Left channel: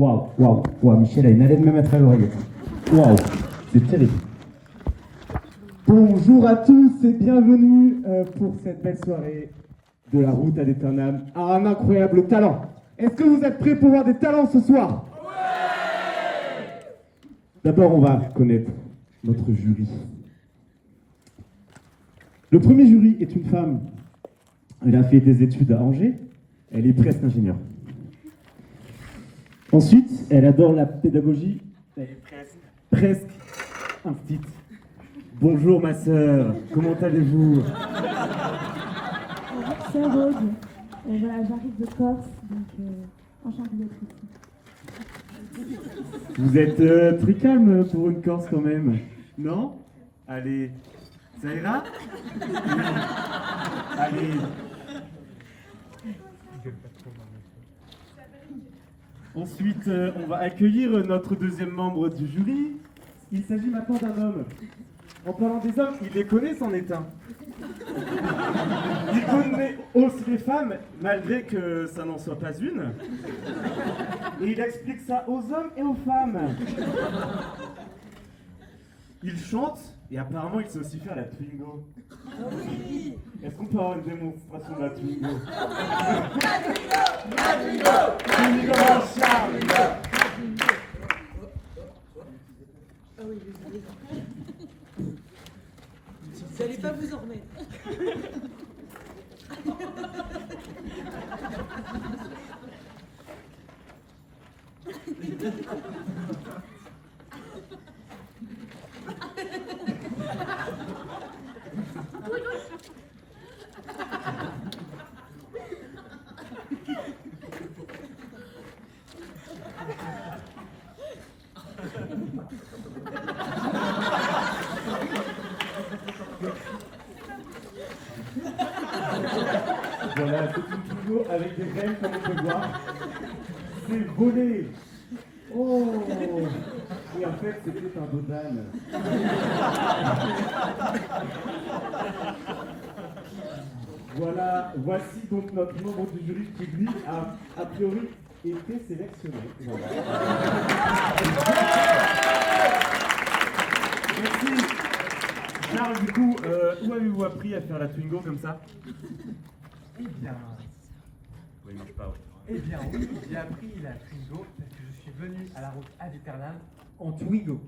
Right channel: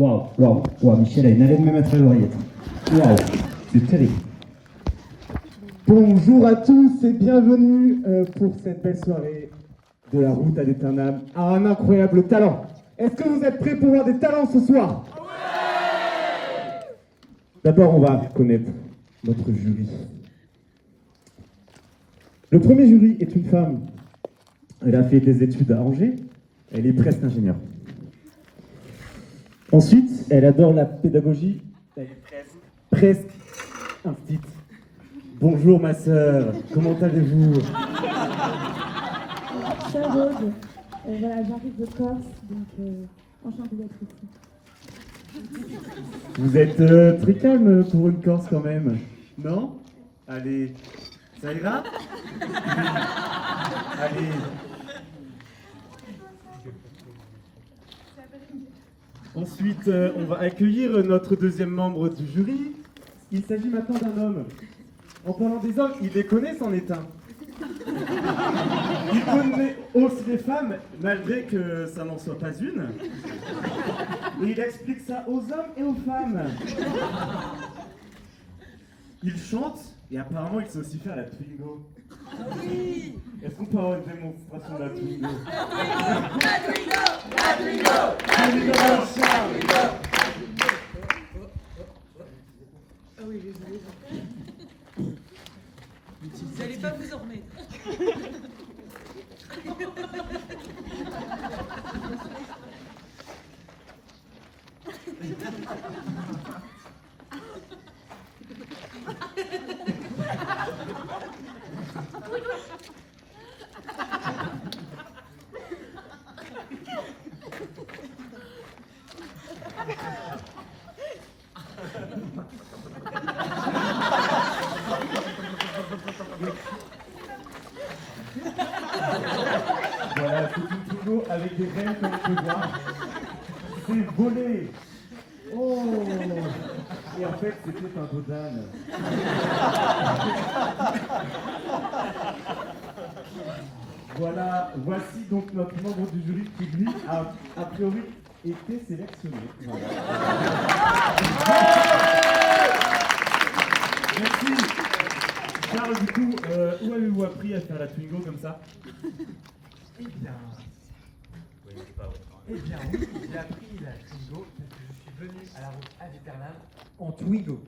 Waouh, Michel a une haleine même à travers l'oreillette. Waouh, c'est terrible. Bonjour à tous et bienvenue pour cette belle soirée de la route à l'Éternam à un incroyable talent. Est-ce que vous êtes prêts pour voir des talents ce soir? Ouais. D'abord, on va connaître notre jury. Le premier jury est une femme. Elle a fait des études à Angers. Elle est presque ingénieure. Ensuite, elle adore la pédagogie. Elle est presque instite. Bonjour ma sœur, comment allez-vous? Cher Aude, voilà, j'arrive de Corse, donc enchantée d'être ici. Vous êtes très calme pour une Corse quand même, non? Allez, ça ira? Allez. Ensuite, on va accueillir notre deuxième membre du jury. Il s'agit maintenant d'un homme. En parlant des hommes, il les connaît, c'en est un. Il connaît aussi les femmes, malgré que ça n'en soit pas une. Et il explique ça aux hommes et aux femmes. Il chante, et apparemment il sait aussi faire la Twingo. Est-ce qu'on peut avoir une démonstration de la Twingo? La Twingo, Charles. Ah oui, vous n'allez pas vous en remettre. Voilà, c'est une toujours avec des graines comme on peut voir. C'est volé. Oh. Et en fait, c'était un dos d'âne. Voilà, voici donc notre membre du jury qui, lui, a priori été sélectionné. Voilà. Merci. Charles, du coup, où avez-vous appris à faire la Twingo comme ça? Eh bien, Oui, il marche pas, oui. eh bien oui, j'ai appris la Twingo parce que je suis venu à la route ad aeternam en Twingo.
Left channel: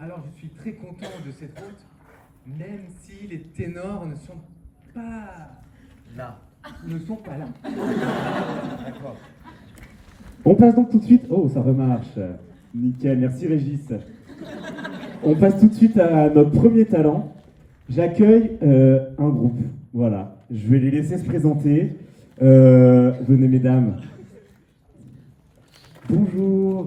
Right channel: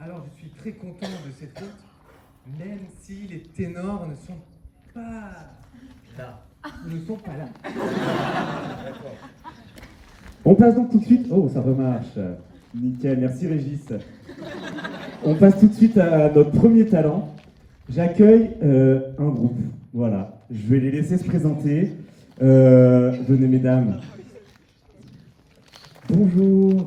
Alors je suis très content de cette route, même si les ténors ne sont pas là. Ne sont pas là. D'accord. On passe donc tout de suite. Oh, ça remarche. Nickel, merci Régis. On passe tout de suite à notre premier talent. J'accueille un groupe. Voilà, je vais les laisser se présenter. Venez mesdames. Bonjour.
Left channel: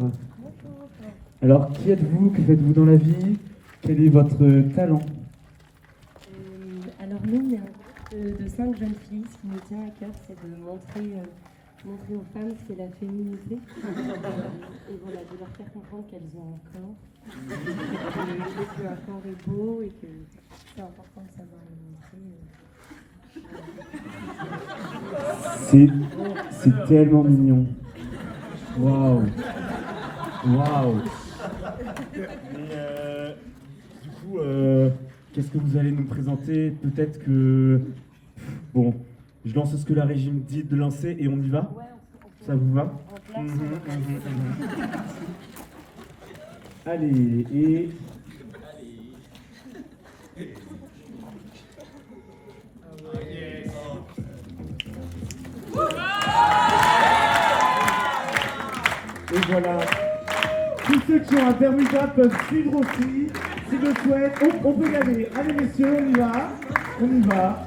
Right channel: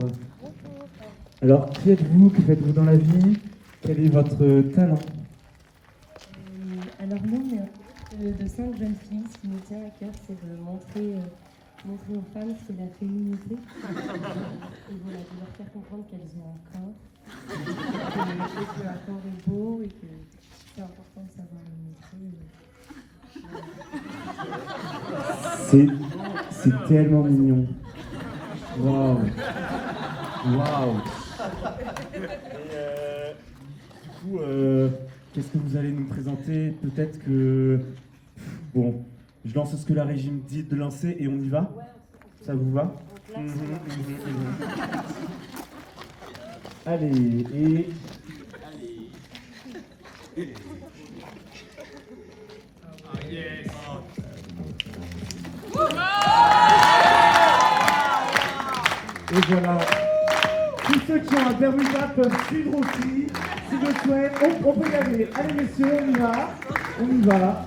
Alors, qui êtes-vous? Que faites-vous dans la vie? Quel est votre talent? Alors nous, on est un groupe de 5 jeunes filles. Ce qui nous tient à cœur, c'est de montrer aux femmes ce qu'est la féminité. Et voilà, de leur faire comprendre qu'elles ont un corps. Et qu'un corps est beau et que c'est important de savoir le montrer. C'est tellement mignon. Waouh. Waouh. Et du coup, qu'est-ce que vous allez nous présenter? Peut-être que... Bon, je lance ce que la régie me dit de lancer et on y va? Ouais, Ça vous va? Allez, et... Et voilà. Tous ceux qui ont un thermostat peuvent suivre aussi, s'ils le souhaitent. On peut y aller. Allez messieurs, on y va. On y va.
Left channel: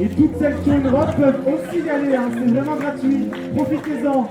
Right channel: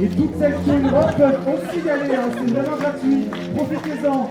Et toutes celles qui ont une robe peuvent aussi y aller, hein. C'est vraiment gratuit. Profitez-en.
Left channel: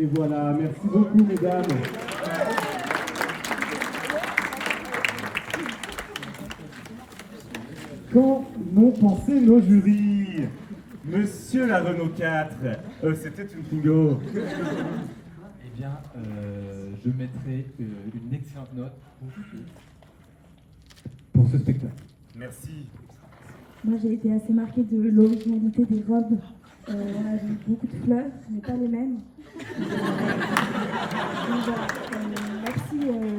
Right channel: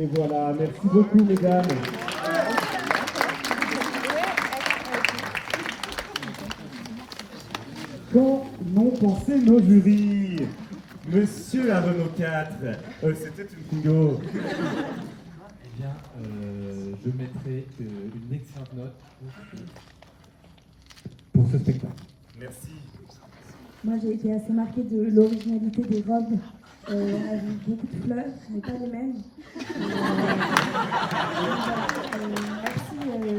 Et voilà, merci beaucoup mesdames. Qu'en ont pensé nos jurys? Monsieur la Renault 4, c'était une bingo. Eh bien, je mettrai une excellente note pour ce spectacle. Merci. Moi, j'ai été assez marquée de l'originalité des robes. On a vu beaucoup de fleurs, mais pas les mêmes. Donc voilà. Merci,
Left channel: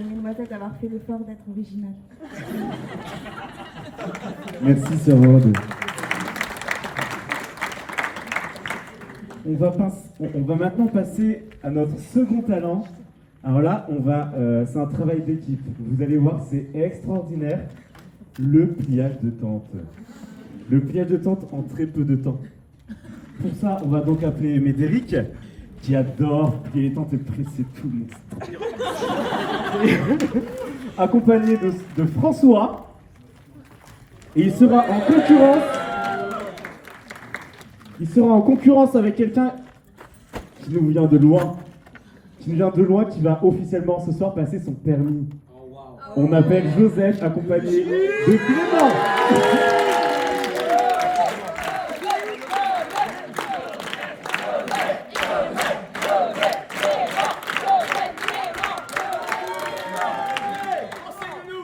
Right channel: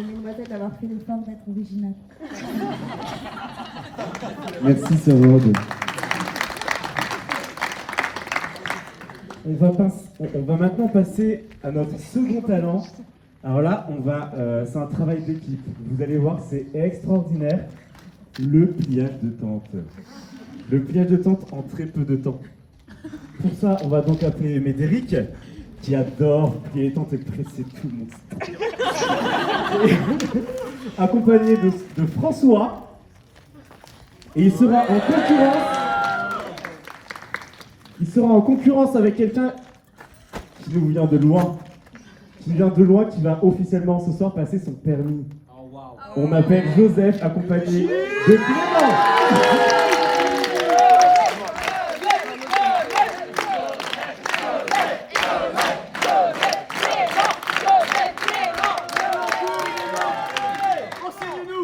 mesdemoiselles, d'avoir fait l'effort d'être originales. Merci, Sœur Aude. On va maintenant passer à notre second talent. Alors là, c'est un travail d'équipe. Vous allez voir, c'est extraordinaire. Le pliage de tente. Le pliage de tente en très peu de temps. Pour ça, on va donc appeler Médéric, qui adore plier les tentes et presser tout le monde. Et accompagné de François. Et il sera en concurrence. Il sera en concurrence avec quelqu'un qui nous vient de loin. Qui va officiellement ce soir passer son permis. On appelle Joseph, accompagné de Clément.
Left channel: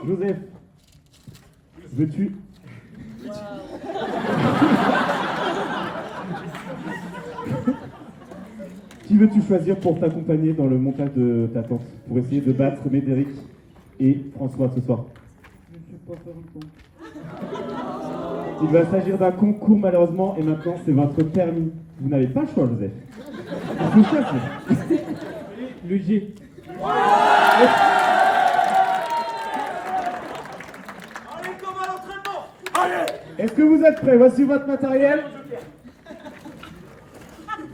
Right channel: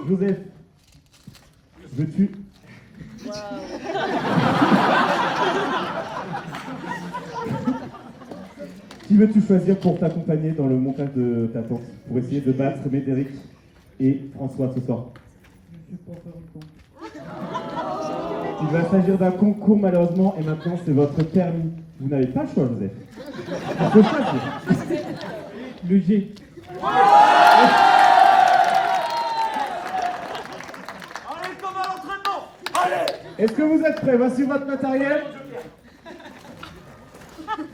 Joseph, veux-tu... Qui veux-tu choisir pour t'accompagner dans le montage de ta tente, pour essayer de battre Médéric et François ce soir? Je ne sais pas faire le concours. Il va s'agir d'un concours malheureusement, et maintenant c'est votre permis. Vous n'avez pas le choix, Joseph. Il faut choisir. Luigi. Allez, comme à l'entraînement! Allez! Est-ce que vous êtes prêts? Voici votre matériel.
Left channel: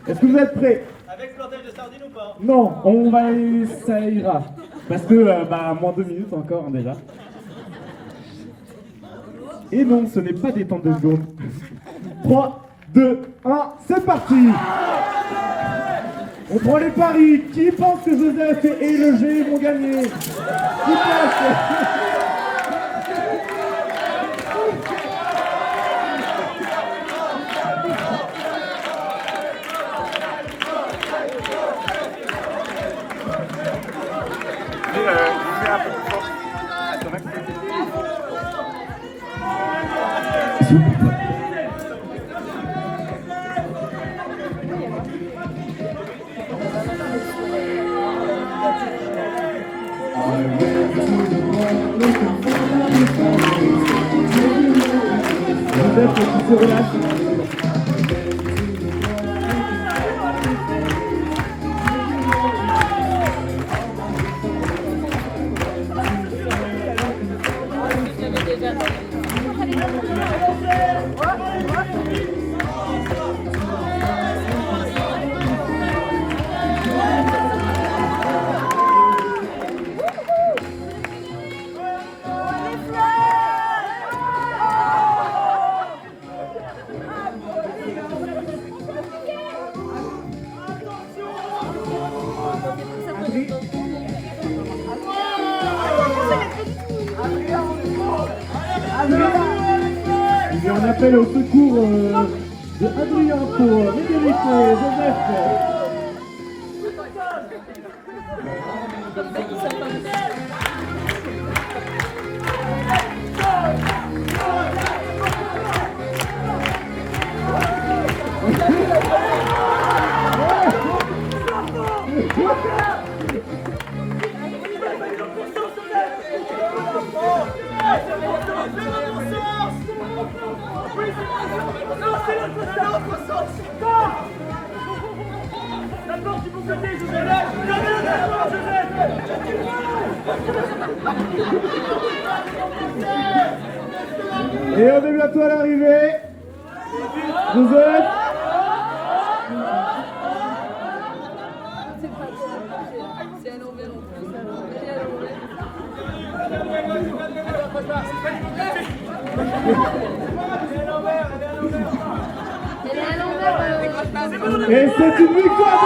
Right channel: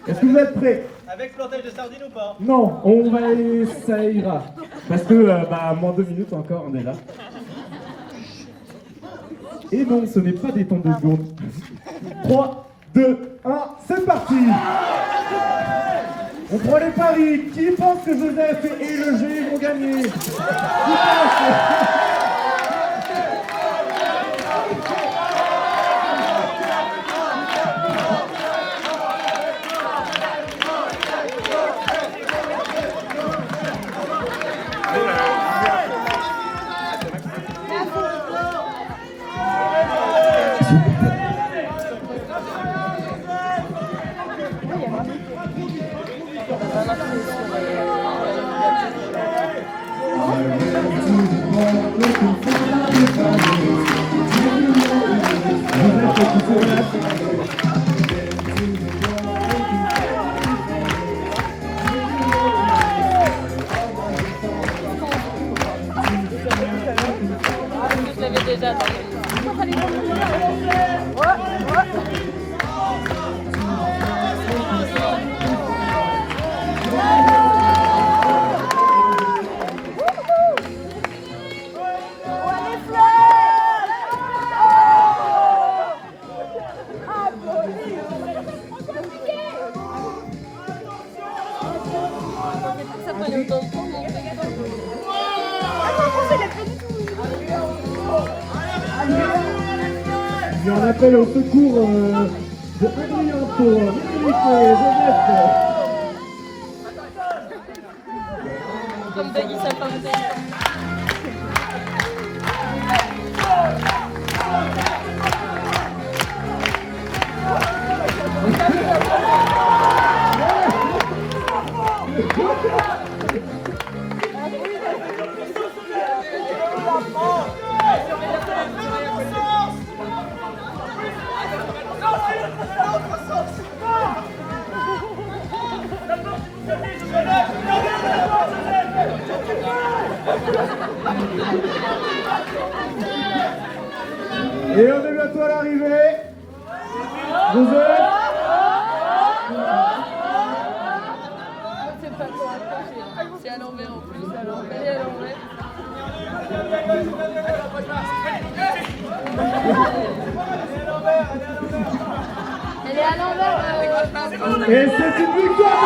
Est-ce que vous êtes prêts? Avec flottage de sardines ou pas? Non, ça ira. Parce que, moins 2 minutes encore, on est là. Et non, ce n'est pas des temps de secondes. 3, 2, 1, c'est parti! On prend les paris. Qui pense que Joseph et le G vont gagner? Qui pense? Il y a un appel au secours de Adrien pour Médéric et Joseph. Comme Doug, il s'est pas monté. Et on est bientôt à l'arrivée. Joseph. C'est pas c'est à l'envers en plus, à l'envers. Elle est à l'envers. Elle est à l'envers. Et c'est une victoire.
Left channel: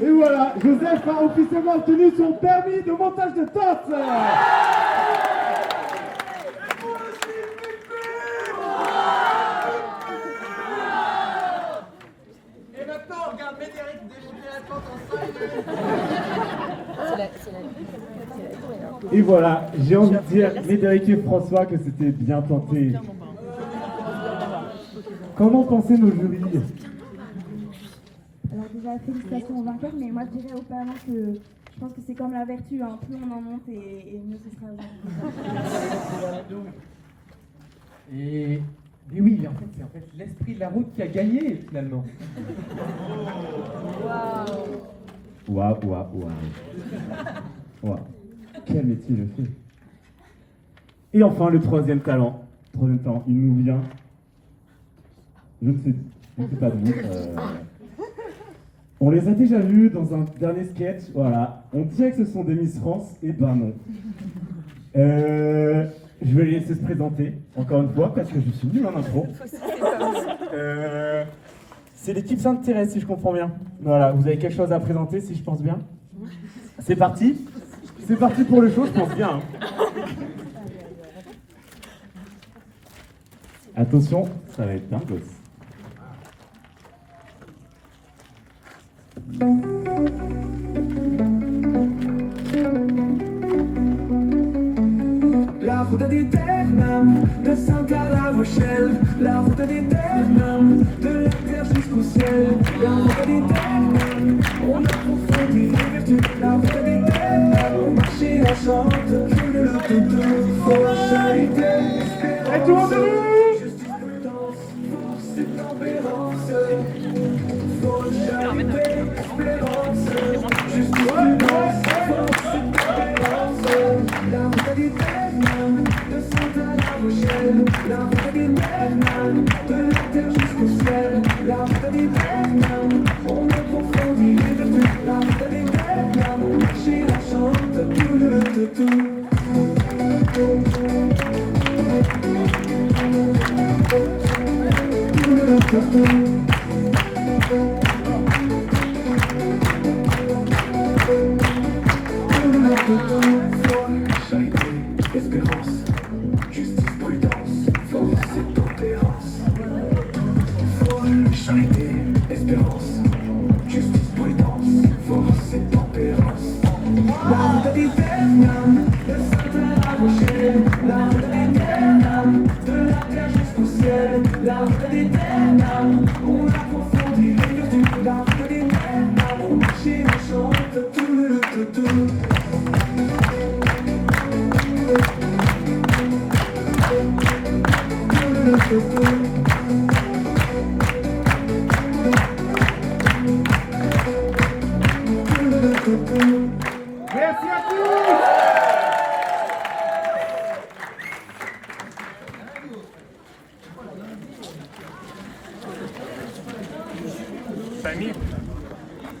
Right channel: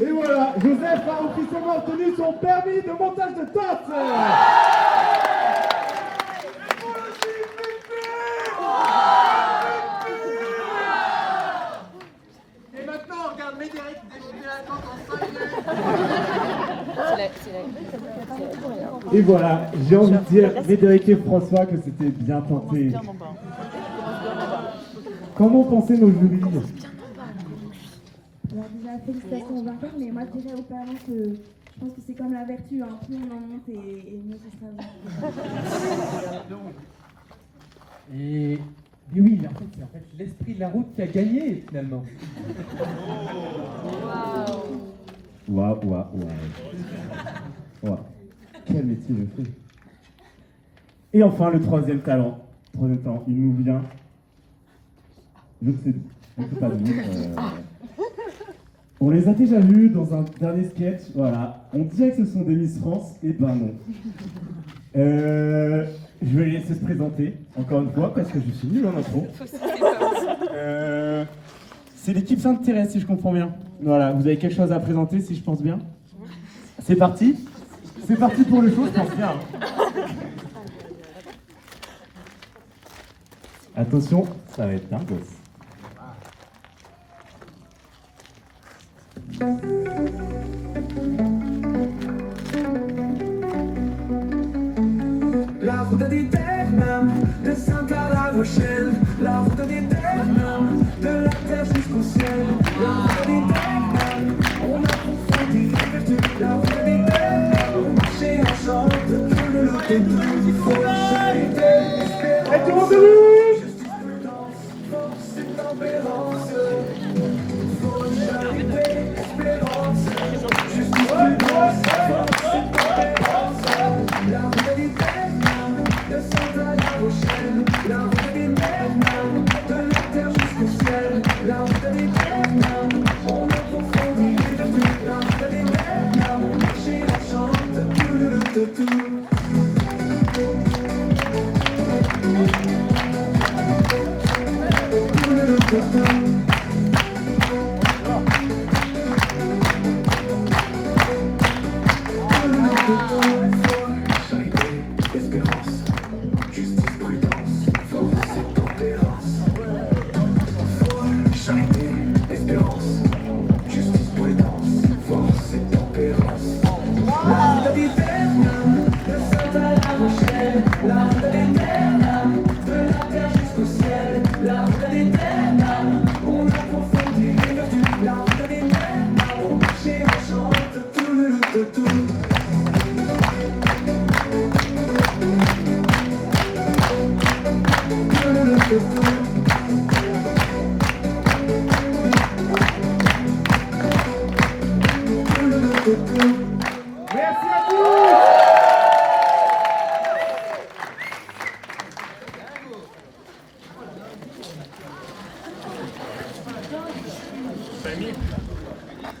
Et voilà, Joseph a officiellement obtenu son permis de montage de tente. Et maintenant, on regarde Médéric déchirer la tente en 5 minutes. Et voilà, j'ai envie de dire, Médéric et François, que c'était bien tenté. Comment pensaient nos jurys? Alors déjà, félicitations aux vainqueurs, mais moi je dirais aux parents que je pense que c'est comme la vertu, hein. Plus on en monte et mieux ce sera. Et oui, c'est en fait l'esprit de la route qui a gagné finalement. Waouh. Quel métier je fais. Et enfin, le troisième talent. Il nous vient. Je ne sais pas d'où. On les a déjà vus dans un dernier sketch. Voilà. On dirait que ce sont des Miss France. Et ben non. Je vais les laisser se présenter, encore une fois, parce que je suis nul en intro. C'est l'équipe Sainte-Thérèse, si je comprends bien. Voilà, vous avez quelque chose à présenter, si je pense bien. C'est parti. C'est parti pour le show, je pense bien. Attention, ça va être dingue. La route des Termes, de Saint-Cloud-la-Rochelle. La route des Termes, de la terre jusqu'au ciel. La route des Termes, on approfondit les vertus. La route des Termes, on marche et on chante. Tout le lot de tout, faut charité, espérance. Et tout le monde debout! Justice, prudence, force et tempérance. Faut charité, espérance. Justice, prudence, force et tempérance. La route des Termes, de Saint-Cloud-la-Rochelle. La route des Termes, de la terre jusqu'au ciel. La route des Termes, on approfondit les vertus. La route des Termes, on marche et on chante. Tout le tout. Espérance, justice, prudence, force et tempérance. Charité, espérance, justice, prudence, force et tempérance. La route des Termes, de Saint-Cloud-la-Rochelle. La route des Termes, de la terre jusqu'au ciel. La route des Termes, on approfondit les vertus. La route des Termes, on marche et on chante. Tout le tout. Merci à tous! Famille.